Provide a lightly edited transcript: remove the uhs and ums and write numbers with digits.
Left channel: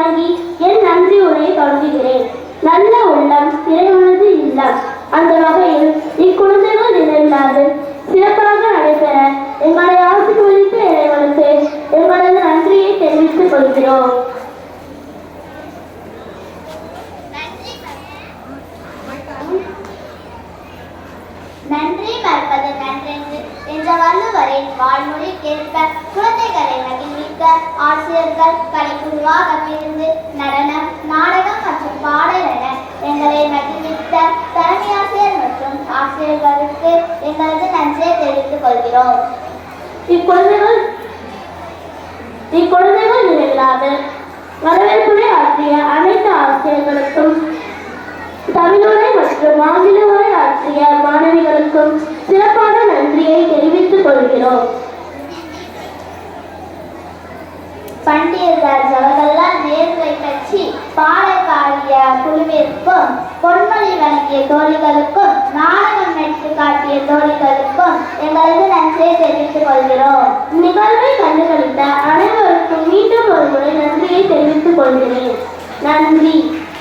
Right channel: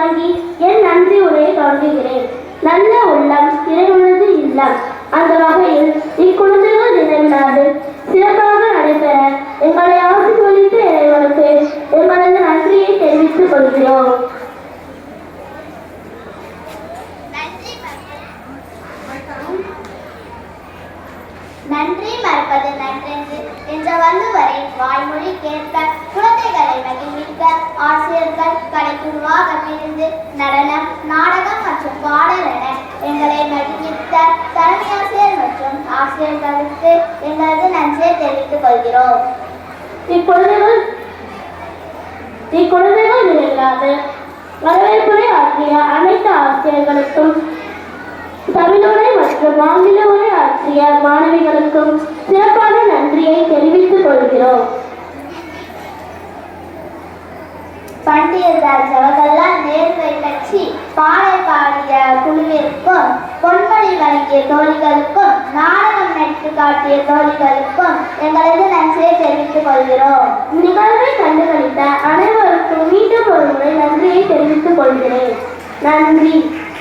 வணங்கி என் நன்றி உரையை தொடங்குகிறேன். நல்ல உள்ளம் இறைவனது இல்லம். அந்த வகையில் இக்குழந்தைகள் தினவிழாவு சிறப்பாக நடைபெற எங்களை ஆசீர்வதித்த இறைவனுக்கு எங்களது நன்றியை தெரிவித்துக் கொள்கிறோம். நன்றி மறப்பது நன்றென்று என்ற வள்ளுவரின் வாய்மொழி கேட்க குழந்தைகளை மகிழ்விக்க ஆசிரியர்கள் கலைக்குழுவாக பிரிந்து நடனம், நாடகம் மற்றும் பாடல் என எங்களை மகிழ்வித்த தலைமை ஆசிரியர் மற்றும் ஆசிரியர்களுக்கு எங்களது நன்றியை தெரிவித்துக் கொள்கிறோம். இக்குழந்தைகள் நிகழ்வாக வரவேற்புரை ஆற்றிய அனைத்து ஆசிரியர்களுக்கும், தமிழுரை மற்றும் ஆங்கில உரை ஆற்றிய மாணவிகளுக்கும் சிறப்பான நன்றியை தெரிவித்துக் கொள்கிறோம். பண்டிதர் ஜவஹர்லால் நேருவை பற்றி பாடல் பாடிய குழுவிற்கும், பொன்மொழி வழங்கிய தோழிகளுக்கும், நாடகம் நடித்து காட்டிய தோழிகளுக்கும் எங்களது நன்றியை தெரிவித்துக் கொள்கிறோம். நிகழ்வை கண்டுகளித்த அனைவருக்கும் மீண்டும் ஒரு முறை நன்றியை தெரிவித்துக் கொள்கிறேன். நன்றி.